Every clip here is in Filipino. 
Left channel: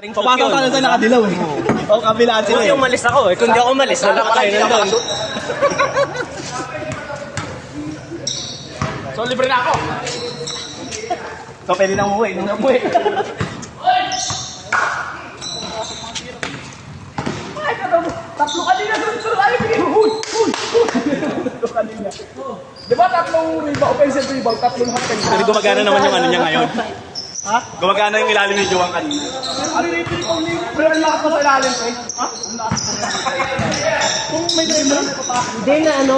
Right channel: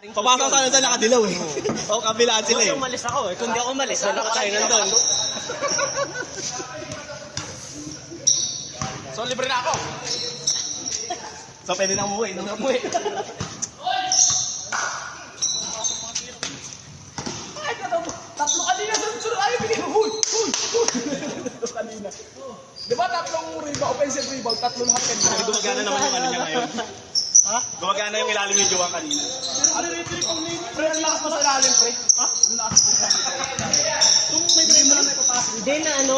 Papasok ka na sa nakadilaw eh. O kabilaan sila eh. Buti umalis ako eh. Kung di ako umalis, wala ka kayo na doon. So libre na ako. So pwede na umuwi. Tatlo kanina sunod ayaw bigyan. Tatlo kanina. Di ba tatlong offensive rebound, tatlong half-time? Kasi gumagana naman yung ano niya ngayon. Ha? Gumagana yung ilalim ni Joang kanina. Ano yung rebound ni? Pero ang lakas mo sa ilalim, eh. Ha? Ang lakas mo. Kung may drive mo lang, may papasok. Hindi na ano,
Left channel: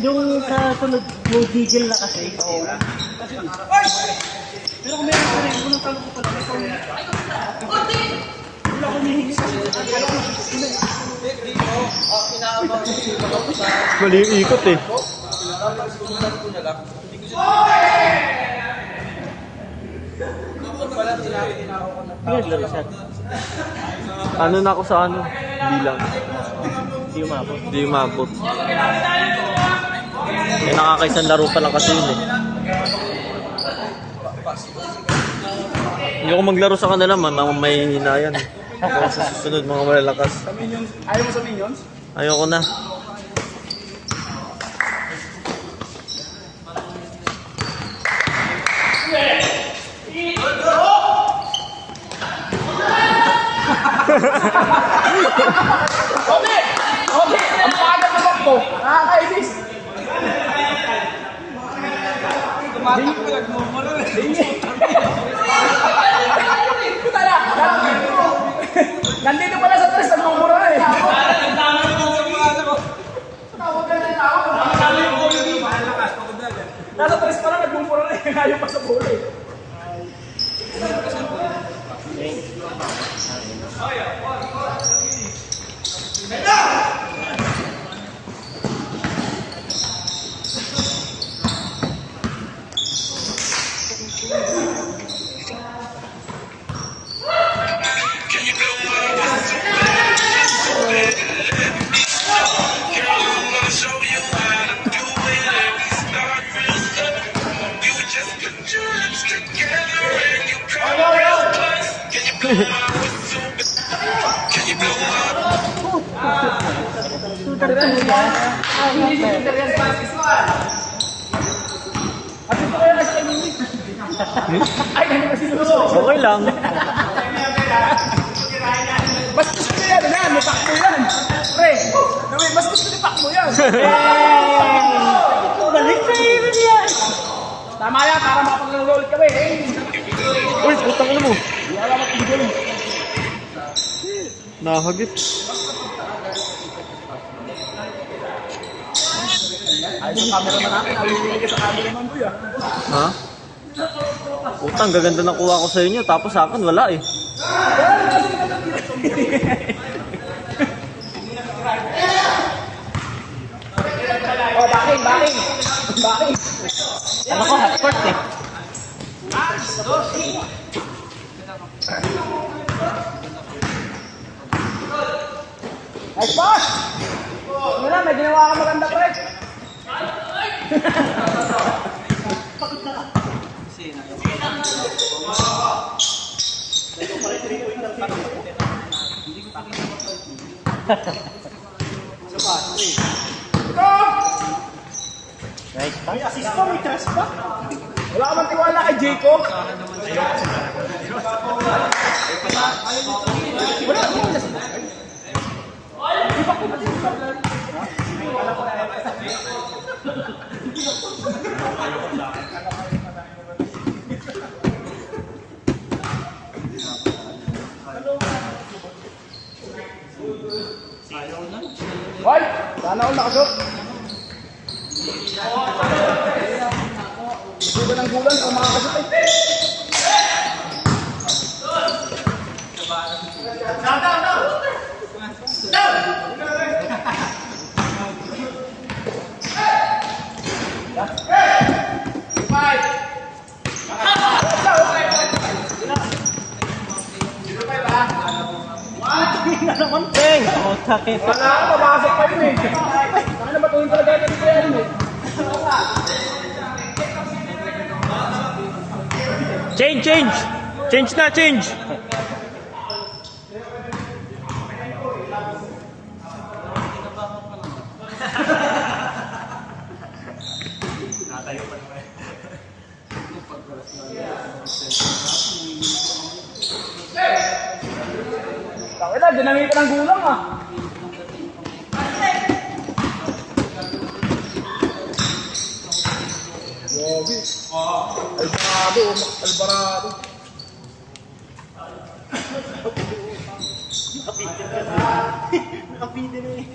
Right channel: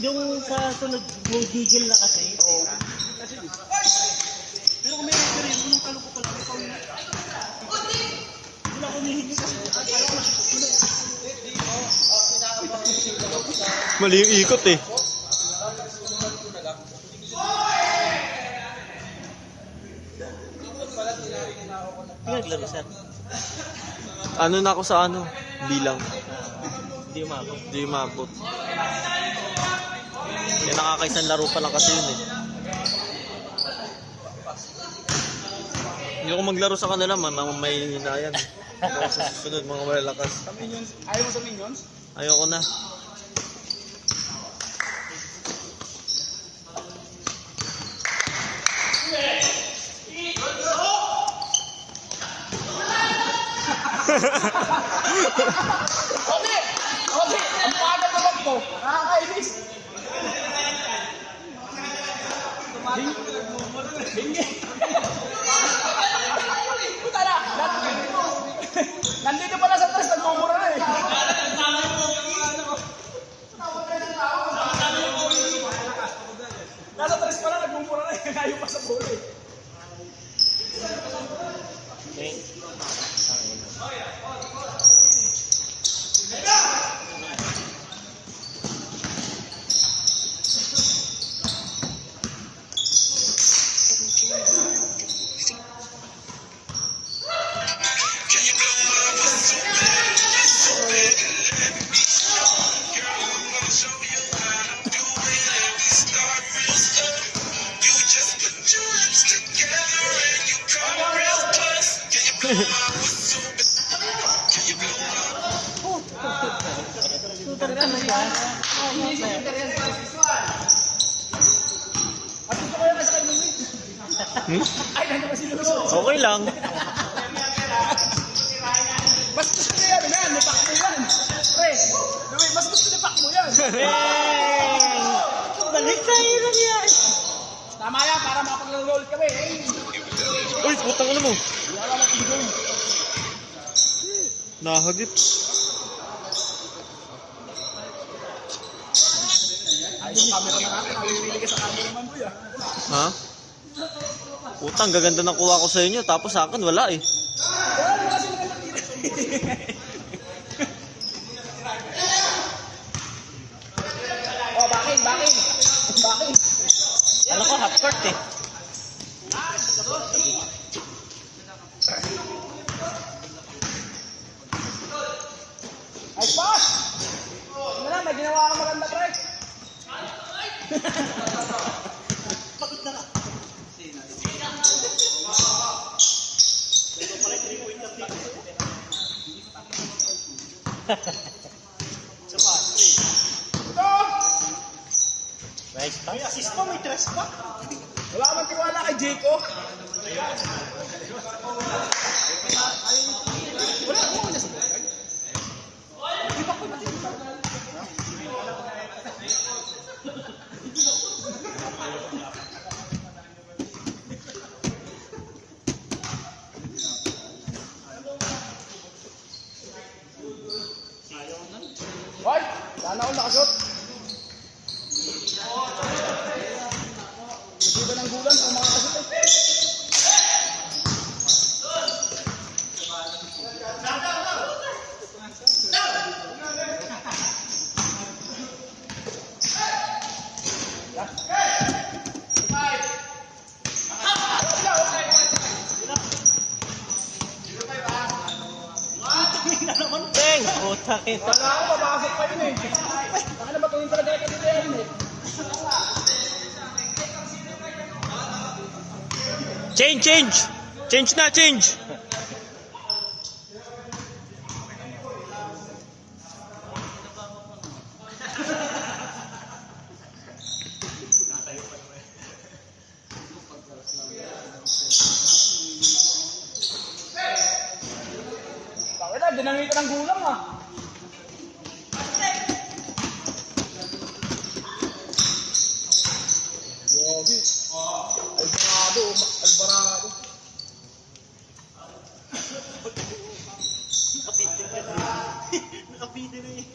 yung sa sunod yung gigil na kasi. Pero kung meron ka rin, kung nang talo ko talaga. Wala akong hihingi kasi. Mali yung ikot eh. Naglaro siya. Ano na ako sa ano? Bilang. Hindi umabot. Hindi umabot. May nakakaisang laro pa lang kasi yun eh. Hindi ako maglaro sa kanila man, ako may hinayan eh. Pero sa susunod mga malalakas. Ayaw mo sa Minions? Ayoko na. Okay! Okay! Ang paagad na bak mo! Nakakainis! Puta na! Nandito pala sa tres, nagmumura na eh! Nasa tres pa lang, nagmumura na eh! Ayaw pa sa bola eh! Ay, ano ba sinusunod? Okay lang. Mas gusto mo yan, yan, may pakmo yan. Pre, mas gusto ni pakmo yan. Balik na yun yan. Tama yan, para makapaglaro ulit kami. Uy, putang ina mo. Wala ka pagigil. Nakahagip. Ay, sa camera man natin, nabibigay ka sa camera man doon yan. Ha? Utang, gaganda na kuha ko sa inyo, tapos sa akin wala eh. Oh, backing. Ano ko, hot court eh. Nice pass! Mira, may ginawa ka maganda, pre. Nice pass. May assist pa, may trust pa. Wala ka bang tiwala kay Jacob? Hoy! Sana ako nakasot. Gulan ng gulan kung makakasot eh. Peng! Oh, sakit. Wala ako, mabasok pa yun eh. Saka na batuhin talaga yun dito yan eh. Change! Change na, change! Tata, dinami ka ng gulang ah. Grabe. Alvarado, Max Alvarado. Nakapili na eh.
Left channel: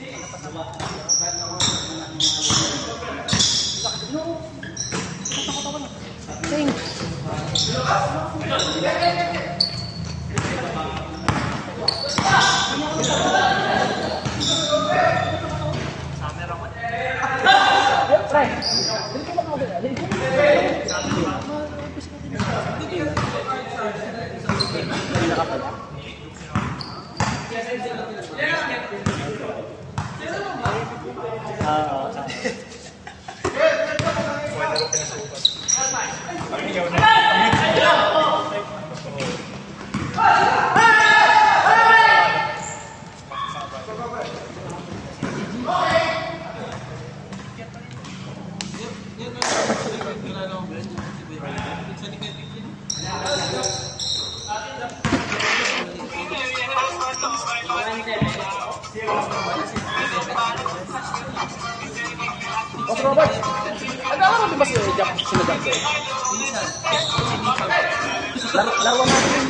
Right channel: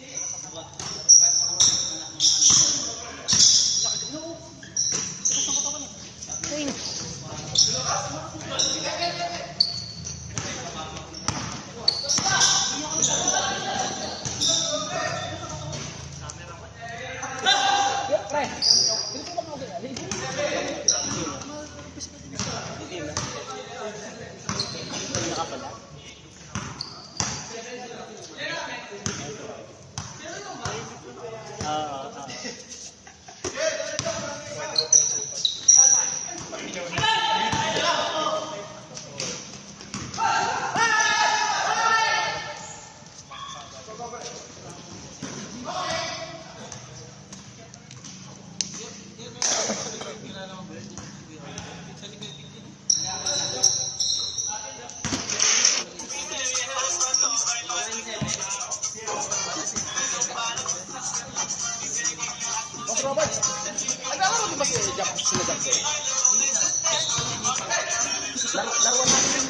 Boss Robert, ano mo ba si Jack sinagot ko? Laro natin.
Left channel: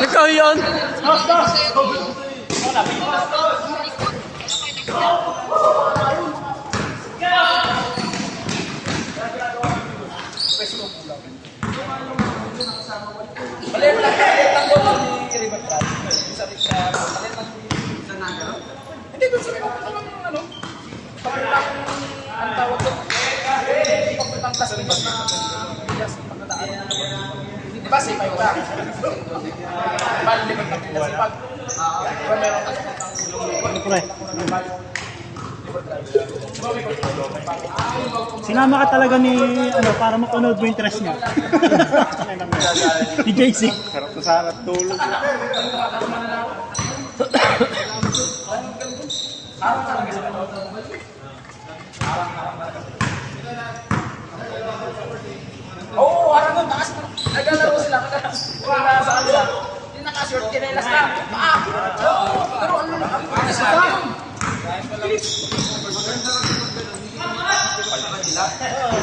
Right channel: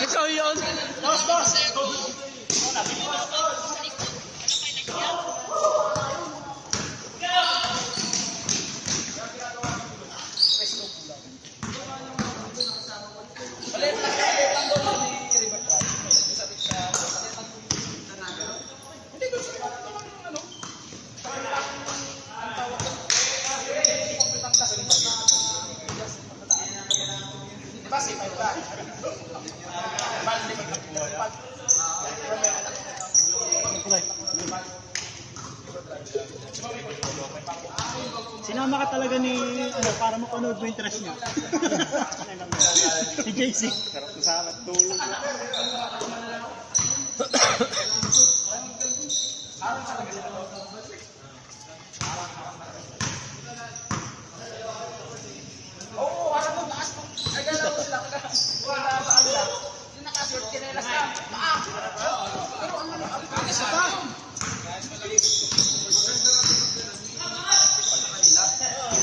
Ikaw yun! Hindi ko sabi ko ano. Ang tawag ko. Pagputang class din ba? Di ba safe ay ba? Bali ba kasi pag meron ka Sinama ka talaga ni ano para mapanood mo yung interest niya. Si JC. Sarap na sarap tulog. Oo, harang mo, taas. Naglalaro sila. Wala sa kanila. Hindi naka-short, kinelas na. Pero ano na, ang isa.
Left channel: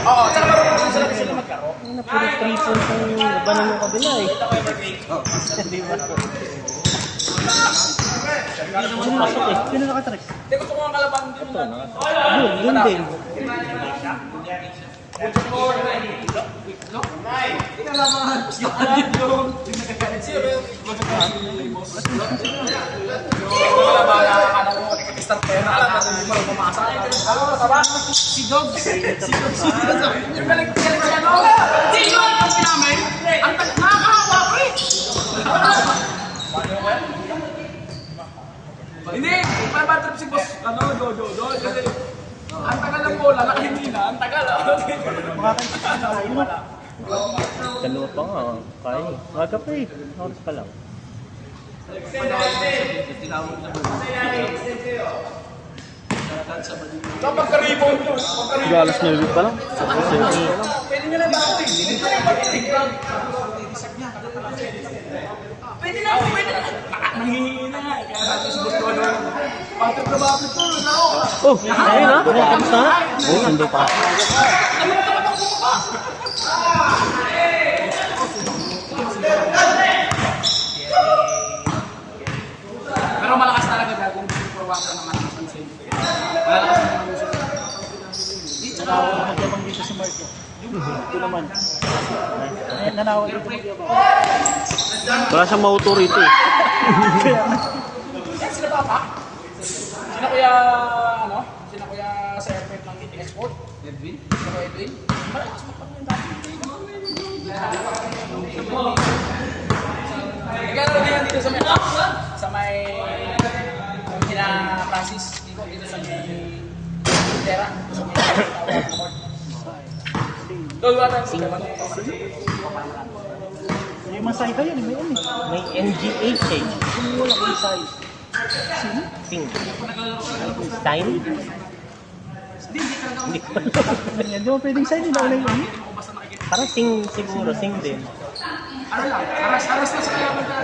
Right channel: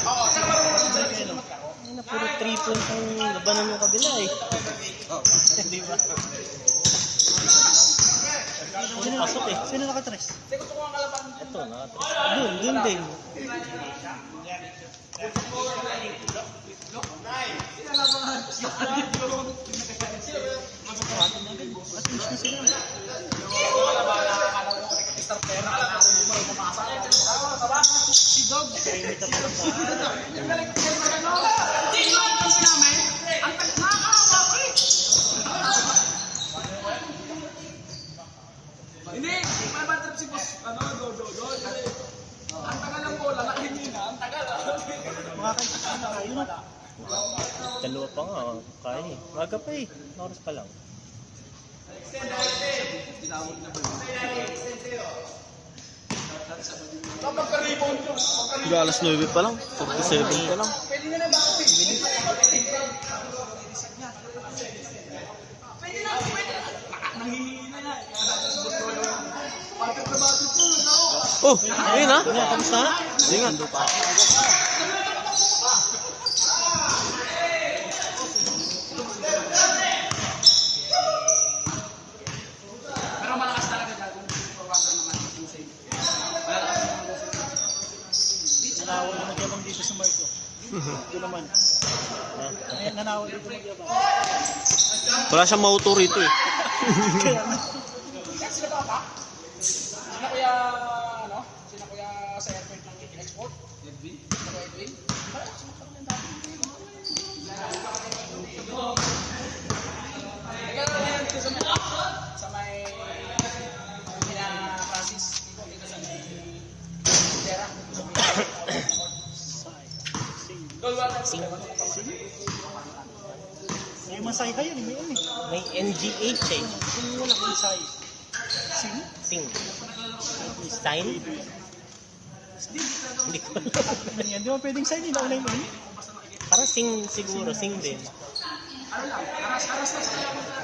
Oo, tsaka marunong din sila kasi magkaro. Puro 3 points ang labanan ng kabila eh. Di ba? Sino nakasok eh? Sino nakatres? Hindi gusto ko nga kalaban din. Yun din. Si Dog. Yung galing siya, no? Si Dog ang sinamin. Ang nakakawa, pre. Hindi, para bad trip si Boss, ano, Dodo. Kasi, ang tagal ng bola, nakahingi na. Ang tagal, Dalawa pa nga. Kaya. Maga pa eh. Oras pa lang. Kapag ka-rebound yun. Galas na yun pa lang. Pwede nyo na ba? Pwede na, pwede na. Nangihingi na nga. Kaya natin si Boss Dodo. Patrick na bakit to? Oh! Ayun na! Tapos na? Oo, sundo pa. Pero malakas talaga gagawin kung purwakan naman ang pansin. Malakas naman ang music. Magyabang dito si Mark. Ito naman. Nanawag dito. Wala siyang mauto rito eh. Sino pa pa? Sino kuya, ano? Sino kuya sa airport ng Eating Export? Edwin? Sino kuya Edwin? Bakit? Sino pa rin dati? Nagkakaroon na yan dito sa may kina Francis dito sa may Tera. Sa may Award. Doon wala tayo sila. Yung masay ka yun, may ano eh. May NGH eh. Wala kang masay. Sino? Sing. Stein? Hindi ko alam. Yan, di ba pwedeng sign nila ulit yun? Parang sing siguro, sing din.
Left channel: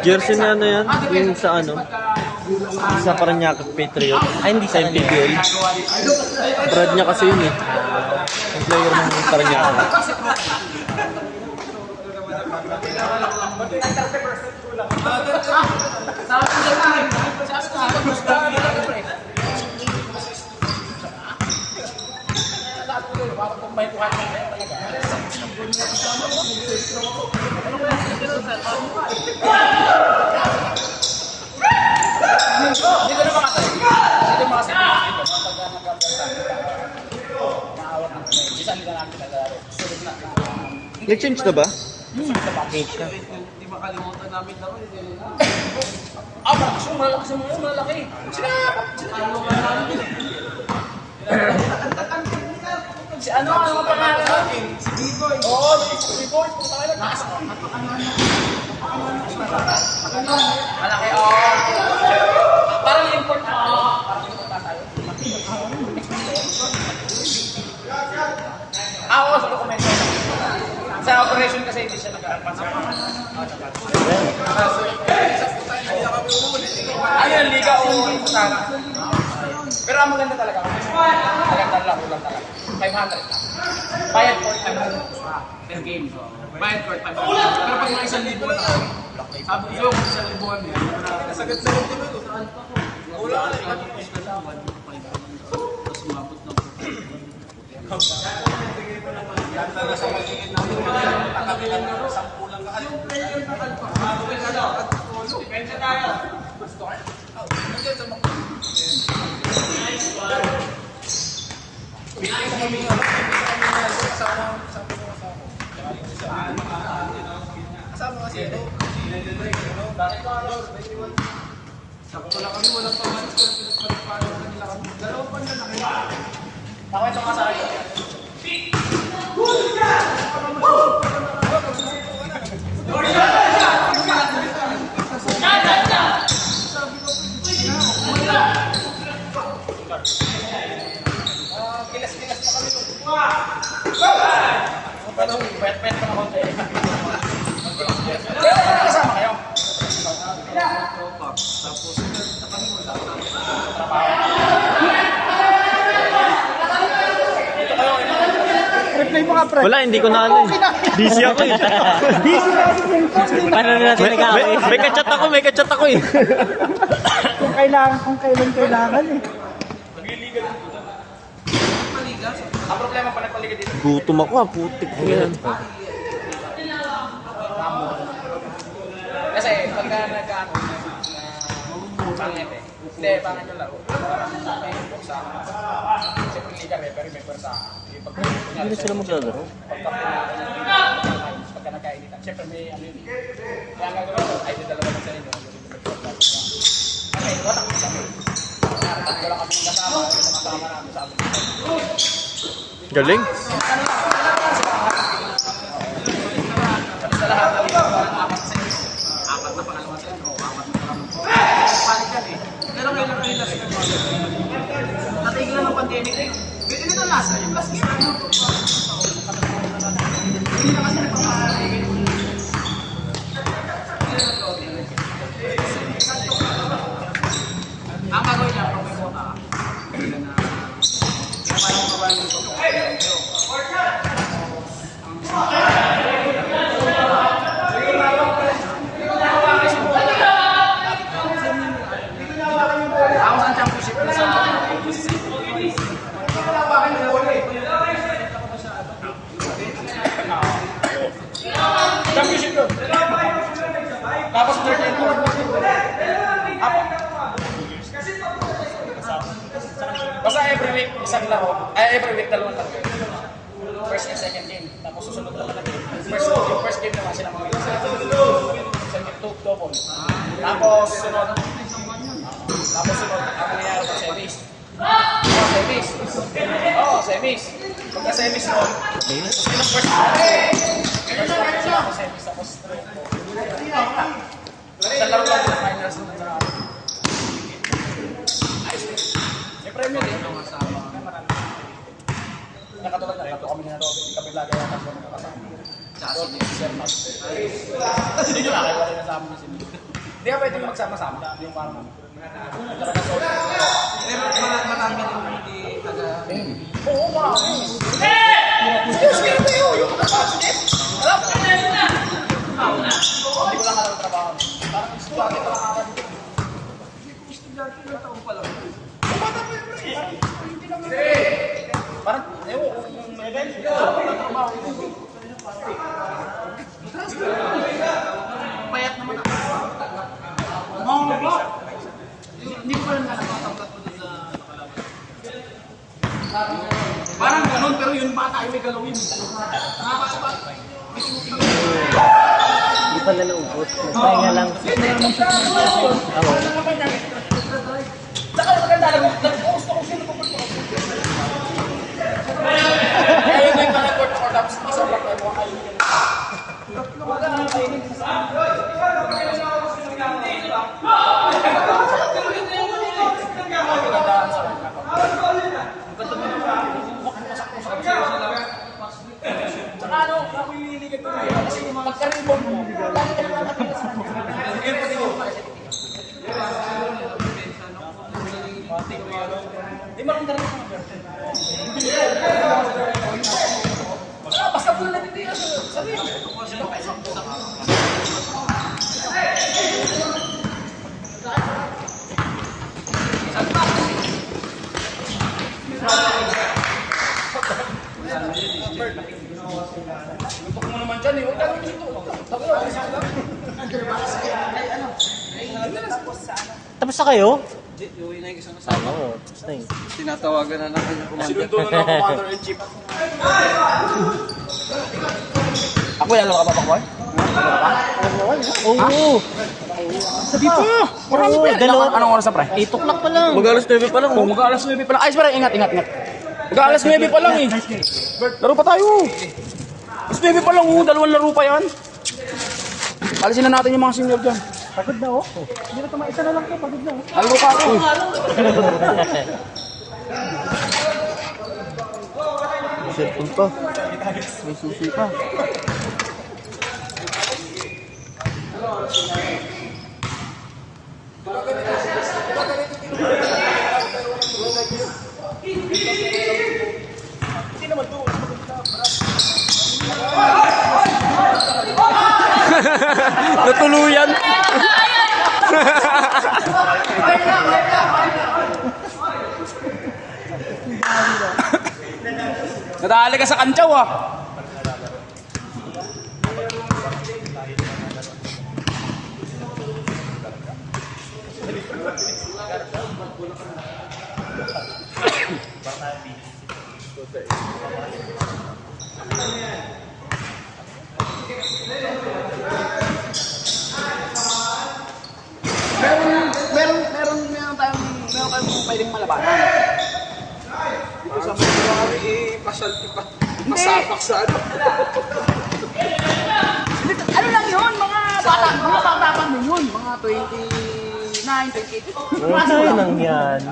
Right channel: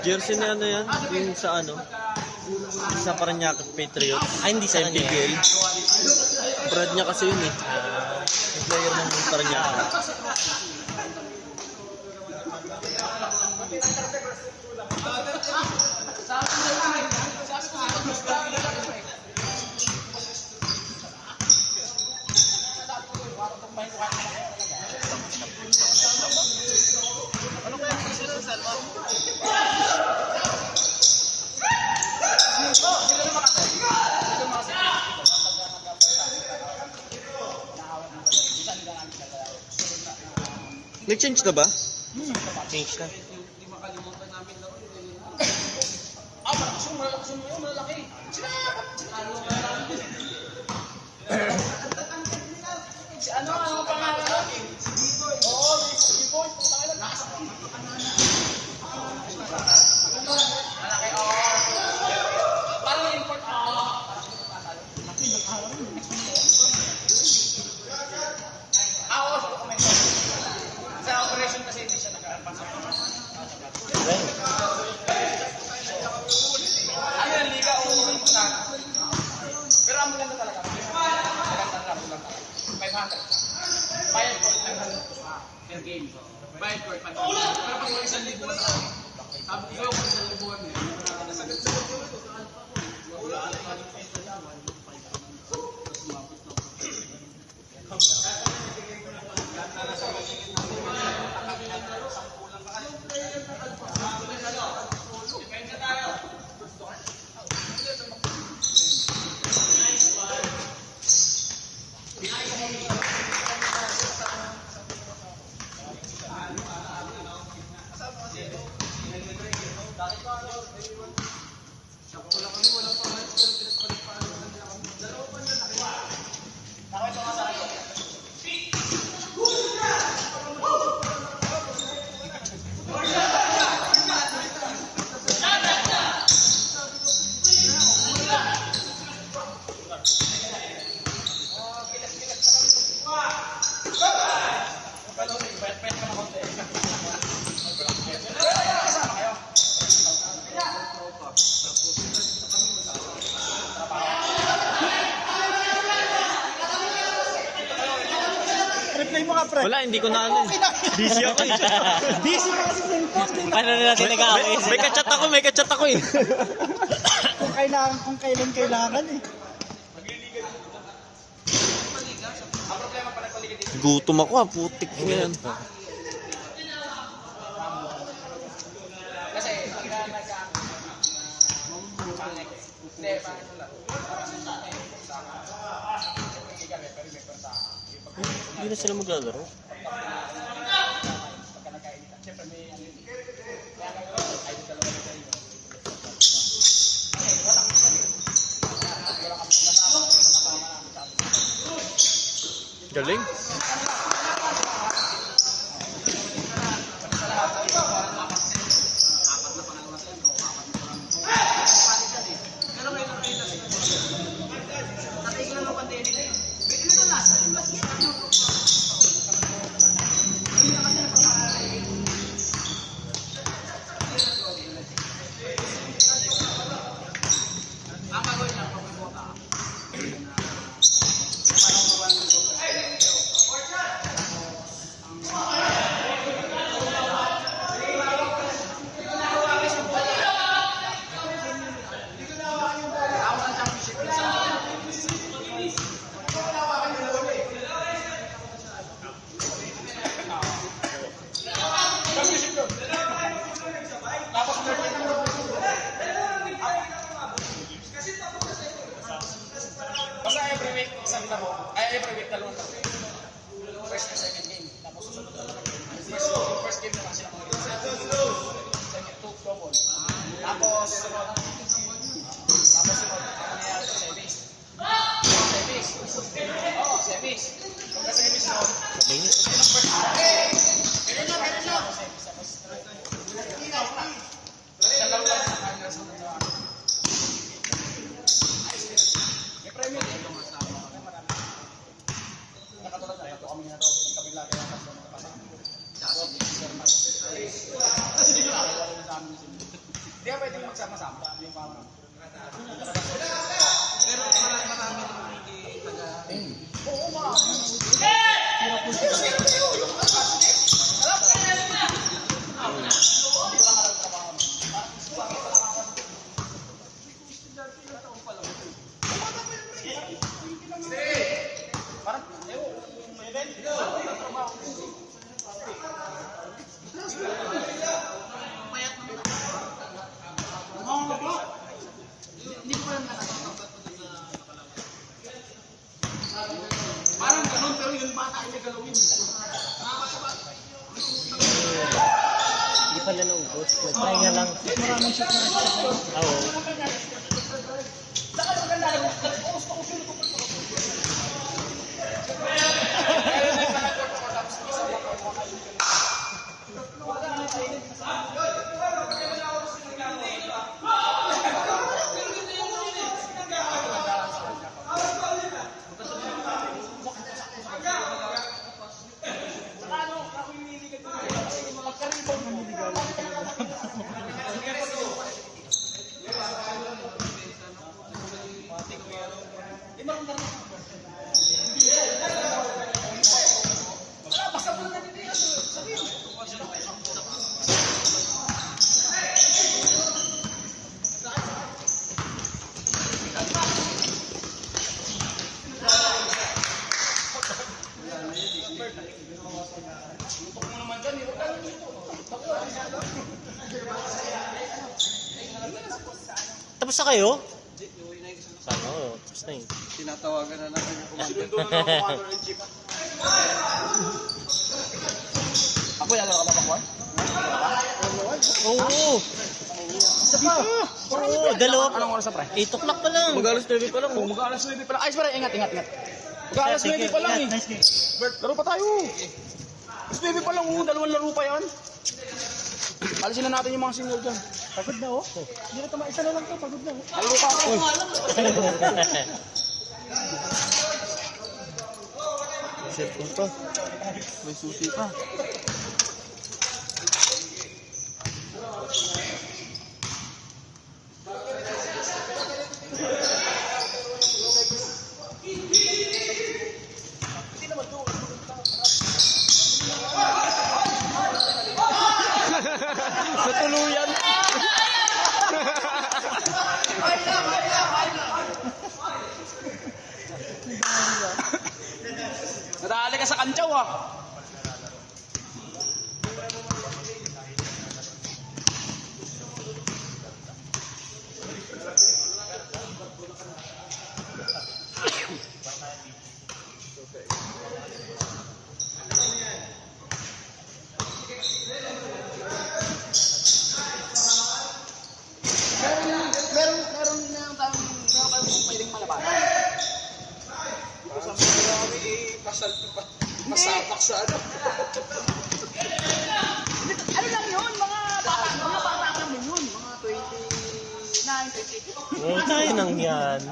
Jersey na ano yan? Yung sa ano? Sa Paranaque Patriot. Ay, hindi sa Sa PBL. Brad niya kasi yun eh. Ang player ng Paranaque. Nag-change na ba? Change na. Kasi malaki. Si ano ang pangalan natin? Oo, si Boy. Malaki, parang import na. Oo, sa dokumento. Sa operation kasi hindi siya nag-aaral. Ayun, liga o sana. Pero ang maganda talaga. Maganda lang, ulang talaga. 500. Bayad court, 500 per game. Bayad court, 500. Pero pag mga 1,000 na sabi ko, 1,000 kami. Nasagad-sagad kami ito. Wala ka lang. Depende tayo. Pet pa naman kayo. Kasama kayo. Reply mo nga, pre. Wala, hindi ko na ano eh. Busy ako eh. Busy na kasi yung Paano na natin nag-aaway? May kachat ako eh. kung kailangan, kung kailan kailangan eh. Ang problema pa nagpaliga dito. Gutom ako ah, putik ko yan. Kasi pagka nag-ano pangit eh. Hindi, pangit yung laro. Siyempre liga pero may pwersa. Hindi na sila maglalaro. Pagka nagkainitan. Siyempre may ano yun. Kaya ang gagawin ko, ay dalawa na sa inyo. Okay, watak isa kami. Pag wala kami kasama, kasama namin sa amin. Galing. Sa lahat ng apat sa inyo. Apat na pangalawa sa inyo. Palit yan eh. Pero ngayon na kanila sa inyo. Natigil ng pandemic eh. Hindi na lasa. Yung last year. Ang gagawin niya, kung may quota ka, Tapos dalawang tatlo. First and second game. Tapos susunod na talaga. Yung first game naman sila mga second double. Tapos sunod. Ang nangyayari pa semis. Semis. Pagka-semis nun, yung first match sila ako semis. Tapos isang laro lang sa finals nung may premyo din. Nakatulad na ito kami na ito. Hindi kami lagi na tatlo nakakasama. Si Sir Max. Hindi nyo nakakaiwalay na sa amin si Sir. Hindi ka pwede magsama-sama. Yung parang pero marami yung hindi taga... Oo, wow! Excuse me, yung kapatid! Alam ko na yun na! Hindi ko lang alam trabaho. Parang estudyante pa lang ako. Estudyante na taong pa lang. Bumata pa yun, bro. Parang, ewan kung may payat naman ako. Mga ba? Hindi ko lang nakakatangkat ko doon sa nakalaban. Parang ganun, pero yun bata ay may galawin. Nakakatapat. Hindi pa nalungkot. Pahinga lang. Saka maganda lang, nag-post ako sino ko. Kaya yun yung mga court for tapos isang lang kayo mga kaibigan. Wala naman kainin sa lutok mo naman dyan eh. Huwag ka naman dito. Tapos na kayo? Oo, tapos na eh. Tinatawagan na ng kanya kumanda. Sinundo na ng commander-in-chief. Ako lalo ka pa, Pakboy? Oo! Sabi po! Marami pa yan. Dalawa. Anong oras na, pre? 8 o'clock pa lang. Mag-alas 9 pa lang. Oh, mag-aalas 9 pa lang. Ay, pre, ingat. Mag-aalas 9 pa lang eh. Laro pa tayo. Alas 9 pa lang oh. Dalawang laro pa yan. Alisin na natin yung mga senior dyan. Pagod na oh. Hindi na tumaisa na lang to, pagod na oh. Laro pa ako. Cellphone pa. May susi pa. Natuluyan. Nadali ka sa kantsaw ah. Meron tayong pwedeng malabanan. Dito sa mga pasapak sa ano. Ano lang yun, mga bata mo yun, mga 29, 28. Ano yun ang yan?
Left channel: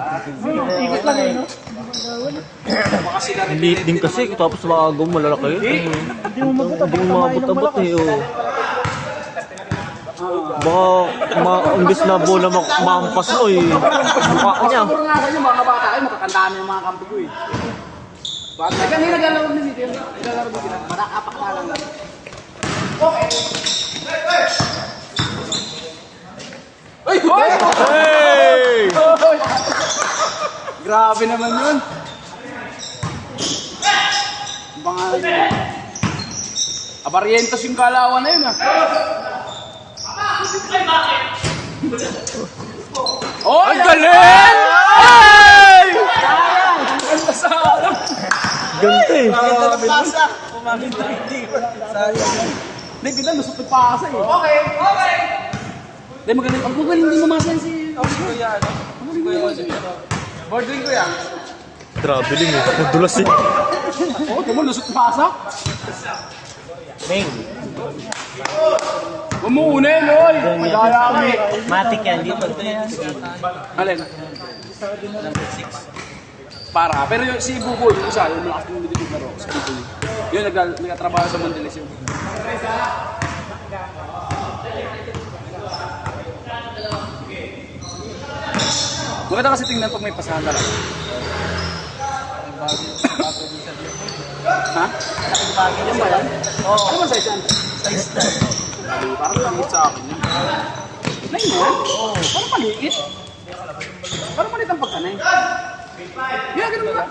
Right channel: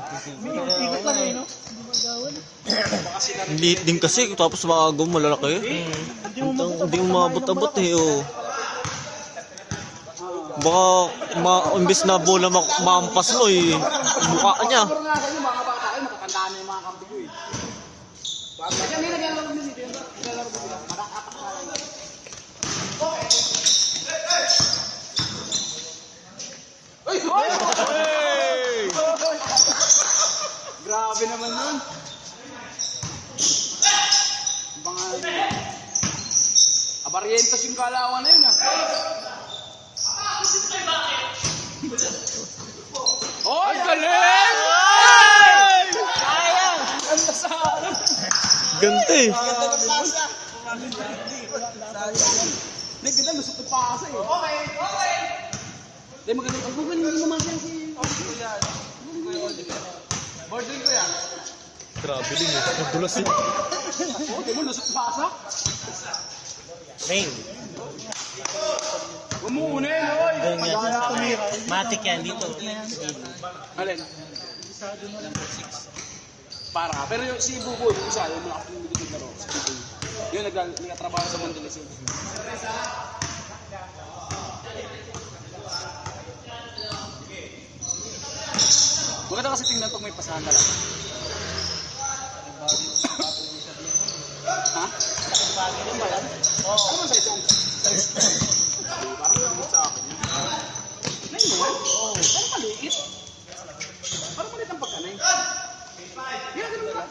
Liit din kasi, tapos mga agong malalaki. Hindi mo Hindi mo mabot-abot eh. Oh. Baka imbis na bola makampas mo eh. Mukha niya. Siguro nga kayo, mga bata kayo, matatandaan na yung mga kampi ko eh. Bata. Kanina naglalaro na dito yun. Naglalaro na dito. Marakapak na lang. Okay. Ay! Hey! Grabe naman yun. Ang pangalan yun. Abarientos yung kalawan na yun ah. Oh, Ang galing! Hey! ang ganda sa ano. eh. Ganda ng pasa. Umamit na hindi. Sayang. Hindi, ganda, lusot ng pasa eh. Okay. Hindi, magaling. Ang magaling din mamasan si... Bordering ko yan. Grabe lang eh. Madulas eh. Oo, tama, lusot ng pasa. Bang. Huwag mo unin, oy! Doon yan. Madaya kami. Matik yan. Di pa ito yan. Alin? Number 6. Para. Pero yung si Buboy, yung isa, yung mga akong nilitid na ro, si Buboy. Yun, nagtatrabaho sa Mandalis yun. Maganda kasi tingnan pag may pasahan na lang. Ha? Ano ba yan? Ano ba size yan? Parang langit sa akin yun. Nine yan? Parang maliit. Parang maliit ang pagkanay. Yeah, ganun ba?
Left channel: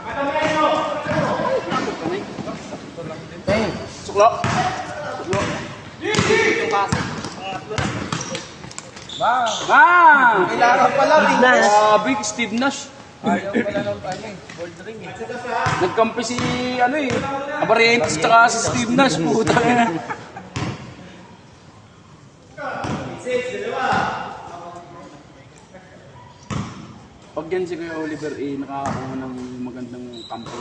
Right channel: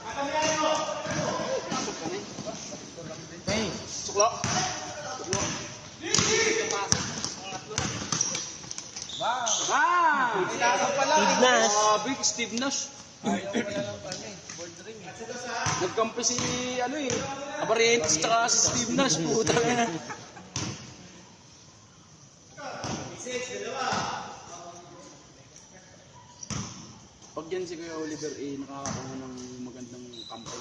Suklo. Suklo. Bang! Kailangan pala. Grabe, Steve Nash. Ayaw pala ng bordering eh. Nagkampi si, Abarientos tsaka si Steve Nash. Puta na. Pag yan si Kuya Oliver, nakakakuha ng magandang kampo.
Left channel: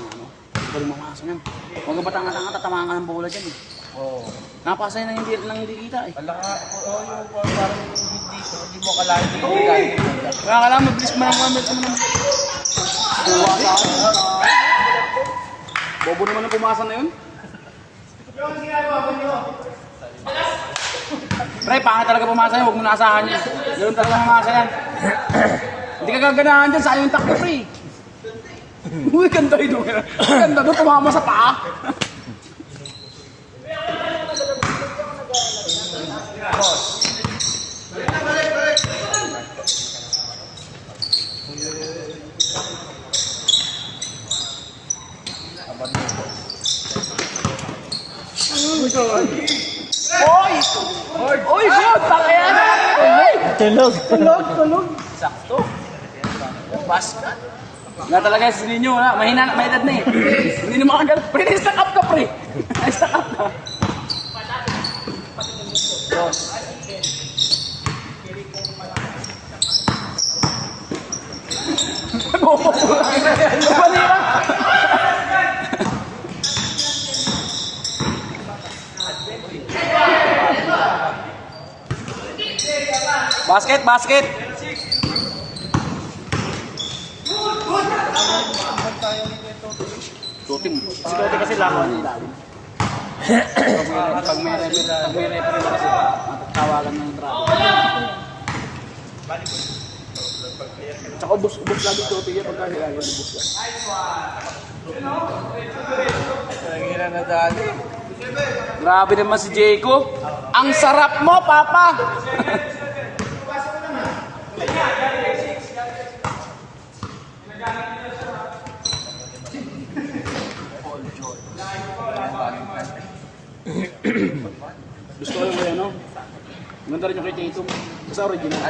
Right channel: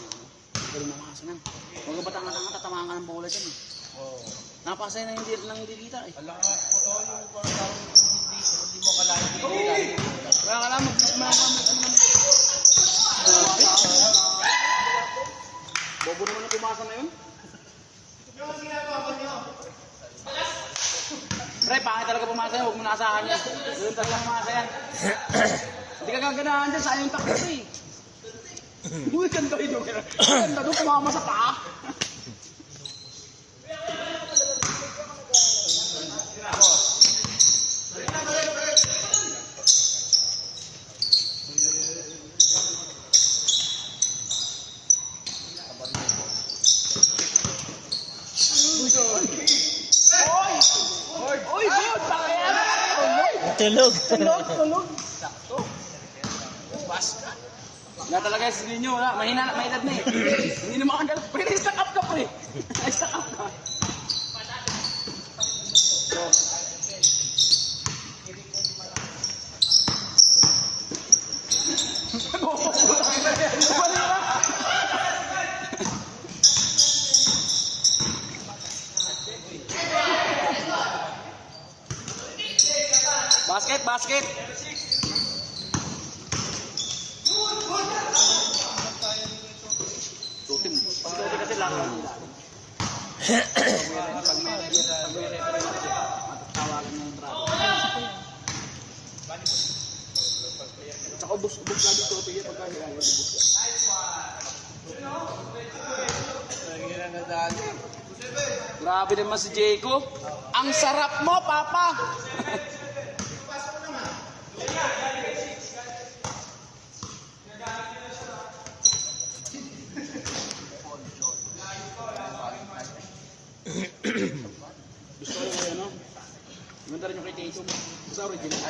Pero mamasa yan. Huwag ka batang-atang tatamaan ka ng bola dyan eh. Oo. Napasay na hindi kita eh. Alam ka, yung parang hindi mo kalahin hindi mo galing. Kaya kailangan mabilis mo lang gamit mo naman. Bobo naman ang pumasa na yun. Pre, pangit talaga pumasa yun. Huwag mo naasahan yun. Ganun talaga pumasa yan. Hindi ka gaganahan dyan. Sayang yung takbo, pre. Uy, ganda yun. Ganda doon. Tumama sa paa. Oy! Oy, good! Pakaya na! Tulog. Sakto. Basta. Nga talaga si Ninyo, ha? Mahina, may edad na eh. Hindi na makagal. Pre, na-stack up ka, pre. Na-stack up ka. Basket, basket. Tutim. Si Tote kasi langaw niya ilalim. Pag may referee na kasi, tawagan ng traffic. Tsaka ubos lagi Tote niya pagka nilalagay ubos yan. Nangira na dali. Grabe naman si Jayco. Ang sarap mo, Papa! Gusto ko yung ano? Maganda rin yung kay Tatum. Basta original.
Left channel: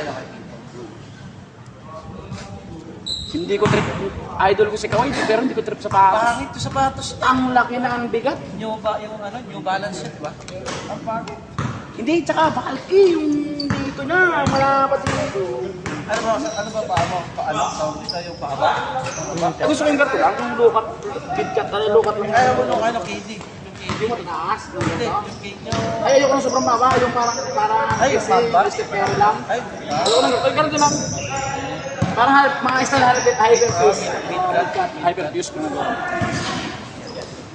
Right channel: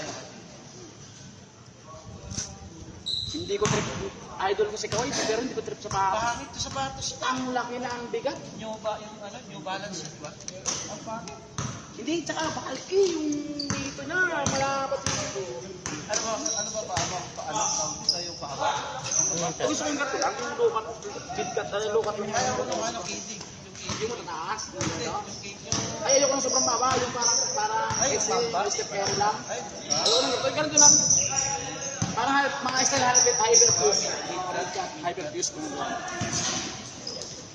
Hindi ko trip. Idol ko si Kawhi, pero hindi ko trip sa patos. Parang ito sapatos niya. Ang laki na ang bigat. New balance yan, di ba? Ang pangit. Hindi, tsaka bakal yung dito na. Malapad dito. Ano ba paano? Paano? Tawag sa'yo paano? Gusto ko yung gato lang. Yung lukat. Bidkat. Lukat yung Kaya mo nung ano, KD. yung mataas. Hindi, yung KD nyo. Ay, ayoko ng sobrang baba. Yung parang Ay, yung baba? pero lang. Ay, Ayoko na. Ay, ganito lang. Parang mga style hyperfuse. Hyperfuse ko na doon.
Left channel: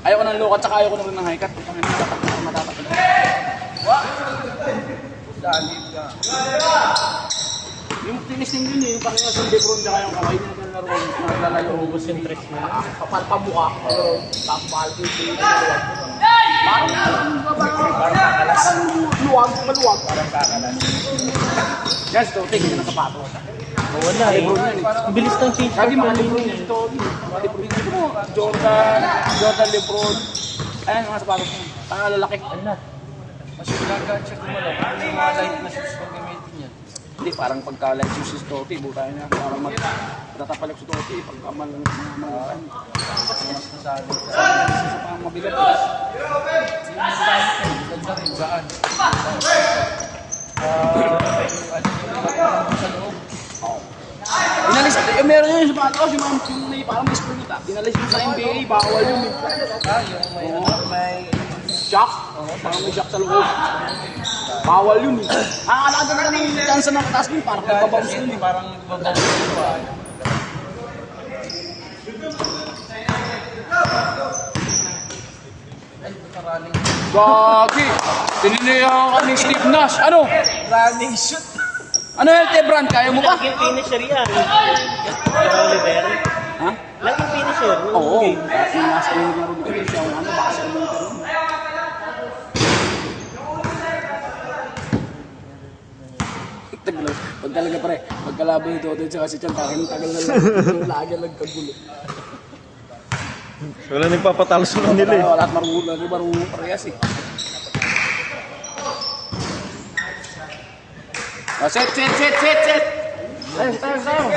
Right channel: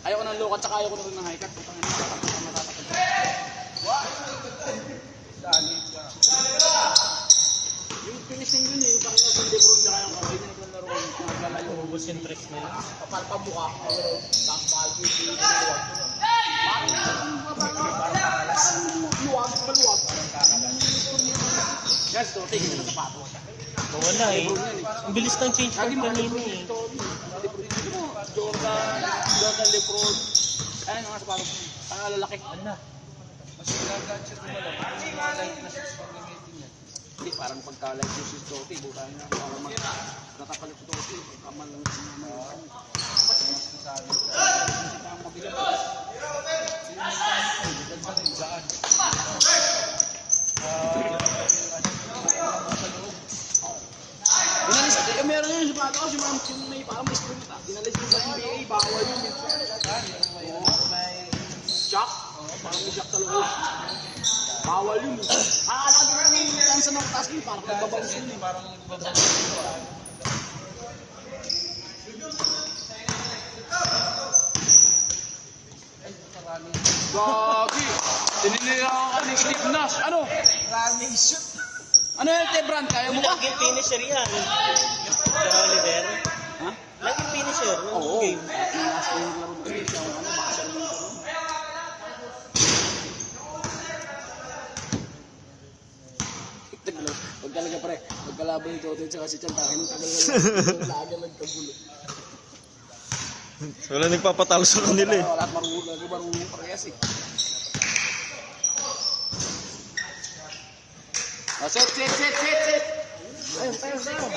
Ayoko ng lukat, tsaka ayoko na rin ng high cut. Matapat. dali ka. Yung tinisting yun yung parang sa Lebron tsaka yung Kawhi na naglalayo. Ubus yung tricks na. Papamuka. Tapos mahal ko yung parang luwag, maluwag. Parang kakalas. Yan, ito, tingin na sapatos. Wala eh. Ang bilis ng change. Lagi mga Lebron dito. Dito mo, Jordan, Lebron. Ayan, mga sapatos mo. Parang lalaki. Ano? Mas nagagansya ko wala. Ano yung mga light na shoes pag gamitin yan? Hindi, parang pagka like si Totti, buta niya, parang matatapalak si Totti, pagka malakan. Isa pa mabigat eh. Ganda rin, saan? Inalis, meron yun sa Pataos, yung may parang may spring ita. Inalis yun sa NBA, bawal yun. May Jack, parang may jack sa loob. Bawal yun eh. Nakakalakan talaga ng chance ng kataas din, parang nagpabounce yun eh. parang babaw pa. Gagi! Tininihan ka ni Steve Nash. Ano? Running shoot. Ano yan, Tebran? Kaya mo ba? Laging finisher yan. Just Oliver. Ha? Laging finisher. Oo. At yung last game na rin ito siya, ano, baka siya mo ito rin. Pag talaga pare, pagkalaban ito, ito tsaka si Chan, tagal na lang. Lagi lang kagulo. Wala nagpapatalo sa kanila eh. Wala at marunong parehas eh. Set! Ayos, tayo.